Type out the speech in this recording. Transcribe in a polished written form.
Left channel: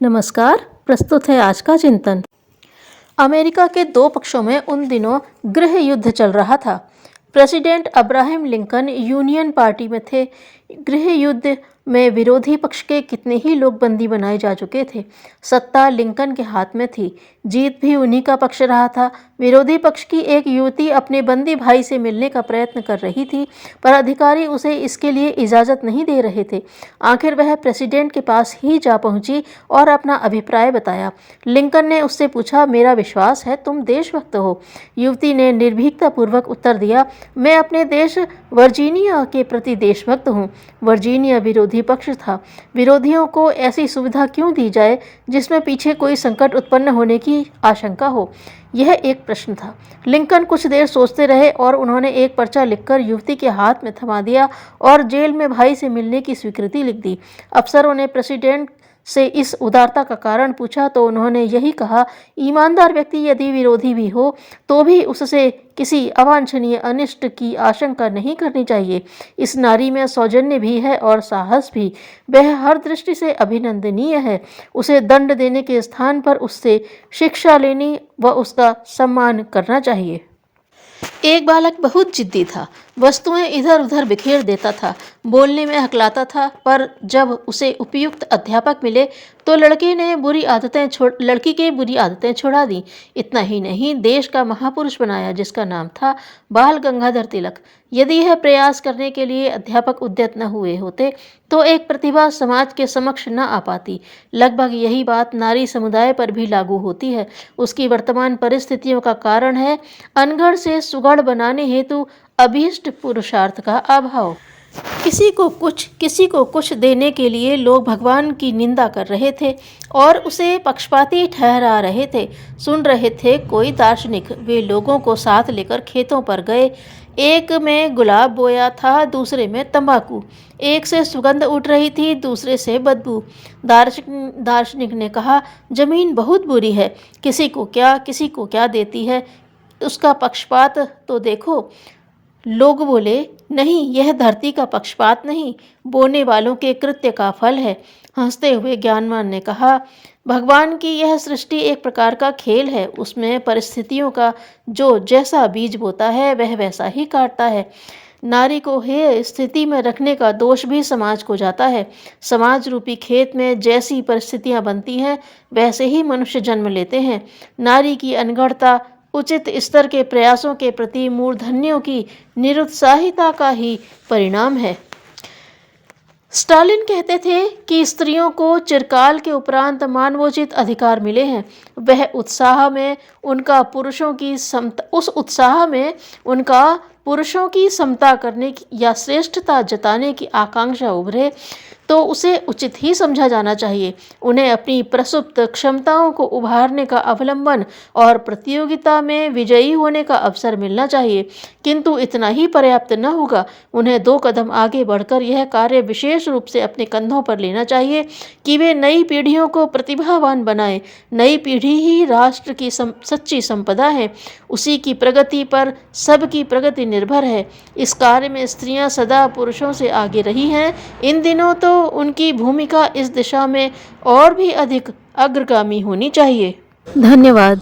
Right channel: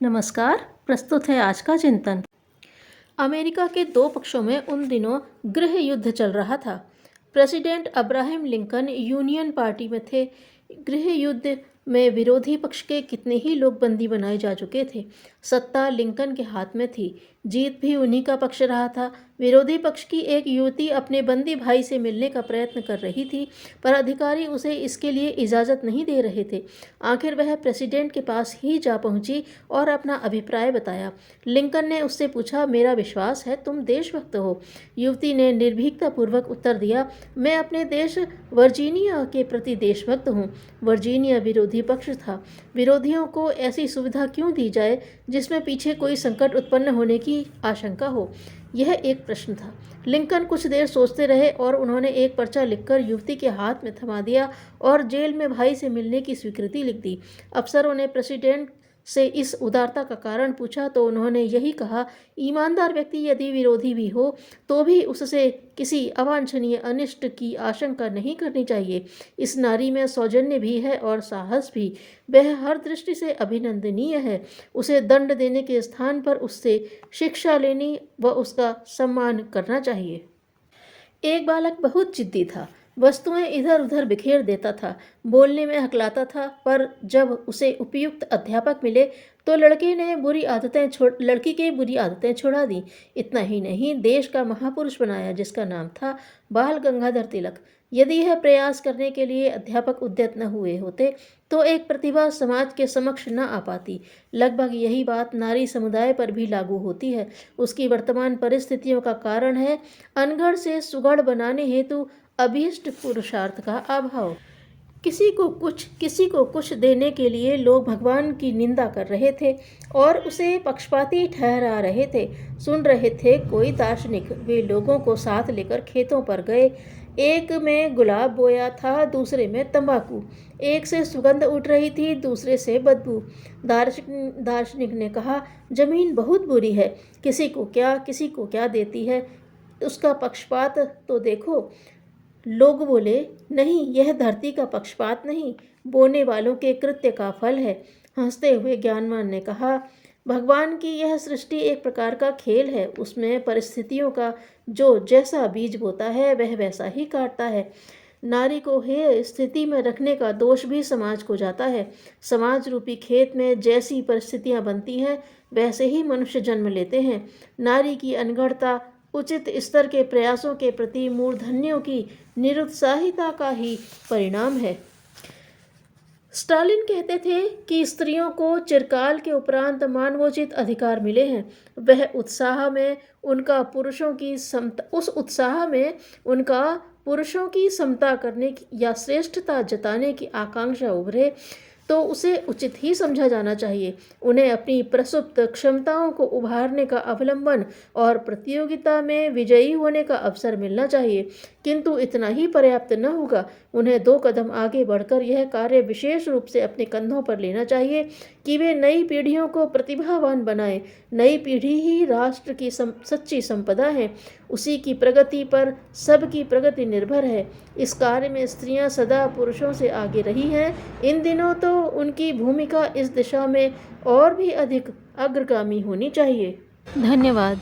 नमस्कार। प्रस्तुत है आज का चिंतन। अमेरिका के दो पक्षों में उन दिनों गृह युद्ध चल रहा था। President Abraham Lincoln union party में थे। गृह युद्ध में विरोधी पक्ष के कितने ही लोग बंदी बनाए जा चुके थे। सत्ता लिंकन के हाथ में थी, जीत भी उन्हीं का पक्ष रहा था। विरोधी पक्ष की एक युवती अपने बंदी भाई से मिलने का प्रयत्न कर रही थी, पर अधिकारी उसे इसके लिए इजाज़त नहीं दे रहे थे। आखिर वह प्रेसिडेंट के पास ही जा पहुंची और अपना अभिप्राय बताया। लिंकन ने उससे पूछा, मेरा विश्वास है तुम देशभक्त हो। युवती ने निर्भीकतापूर्वक उत्तर दिया, मैं अपने देश वर्जीनिया के प्रति देशभक्त हूँ। वर्जीनिया विरोधी पक्ष था। विरोधियों को ऐसी सुविधा क्यों दी जाए जिसमें पीछे कोई संकट उत्पन्न होने की आशंका हो? यह एक प्रश्न था। लिंकन कुछ देर सोचते रहे और उन्होंने एक पर्चा लिखकर युवती के हाथ में थमा दिया और जेल में भाई से मिलने की स्वीकृति लिख दी। अफसरों ने प्रेसिडेंट से इस उदारता का कारण पूछा तो उन्होंने यही कहा, ईमानदार व्यक्ति यदि विरोधी भी हो तो भी उससे किसी अवांछनीय अनिष्ट की आशंका नहीं करनी चाहिए। इस नारी में सौजन्य भी है और साहस भी। वह हर दृष्टि से अभिनंदनीय है। उसे दंड देने के स्थान पर उससे शिक्षा लेनी व उसका सम्मान करना चाहिए। एक बालक बहुत जिद्दी था। वस्तुएं इधर उधर बिखेर देता था, बोलने में हकलाता था, पर जब उसे उपयुक्त अध्यापक मिले तो लड़की की बुरी आदतें छुड़ा दी। इतना ही नहीं, देश का महापुरुष बनाया जिसका नाम था बाल गंगाधर तिलक। यदि यह प्रयास करने के लिए अध्यापक उद्यत न हुए होते तो एक प्रतिभा समाज के समक्ष न आ पाती। लगभग यही बात नारी समुदाय पर भी लागू होती है। उसकी वर्तमान परिस्थितियों का कारण है अनगढ़ से सुगढ़ बनाने हेतु अभीष्ट पुरुषार्थ का अभाव। किसी को कुछ देने के लिए लोग भगवान की निंदा कर रहे थे और उसे पक्षपाती ठहरा रहे थे। सुन रहे थे कोई दार्शनिक। वे लोगों को साथ लेकर खेतों पर गए। एक में गुलाब बोया था, दूसरे में तंबाकू। एक से सुगंध उठ रही थी, दूसरे से बदबू। दार्शनिक ने कहा, जमीन बहुत बुरी है, किसी को क्या देती है, उसका पक्षपात तो देखो। लोग बोले, नहीं, यह धरती का पक्षपात नहीं, बोने वालों के कृत्य का फल है। हंसते हुए ज्ञानवान ने कहा, भगवान की यह सृष्टि एक प्रकार का खेल है। उसमें परिस्थितियों का जो जैसा बीज बोता है वह वैसा ही काटता है। नारी को हे स्थिति में रखने का दोष भी समाज को जाता है। समाज रूपी खेत में जैसी परिस्थितियां बनती हैं वैसे ही मनुष्य जन्म लेते हैं। नारी की अनगढ़ता उचित स्तर के प्रयासों के प्रति मूर्धन्यों की निरुत्साहिता का ही परिणाम है। स्टालिन कहते थे कि स्त्रियों को चिरकाल के उपरांत मानवोचित अधिकार मिले हैं। उस उत्साह में उनका पुरुषों की समता करने की या श्रेष्ठता जताने की आकांक्षा उभरे तो उसे उचित ही समझा जाना चाहिए। उन्हें अपनी प्रसुप्त क्षमताओं को उभारने का अवलंबन और प्रतियोगिता में विजयी होने का अवसर मिलना चाहिए। किंतु इतना ही पर्याप्त न होगा। उन्हें 2 कदम आगे बढ़कर यह कार्य विशेष रूप से अपने कंधों पर लेना चाहिए कि वे नई पीढ़ियों को प्रतिभावान बनाएं। नई पीढ़ी ही राष्ट्र की सच्ची संपदा है। उसी की प्रगति पर सबकी प्रगति निर्भर है। इस कार्य में स्त्रियां सदा पुरुषों से आगे रही हैं। इन दिनों तो उनकी भूमिका इस दिशा में और भी अधिक अग्रगामी होनी चाहिए। धन्यवाद।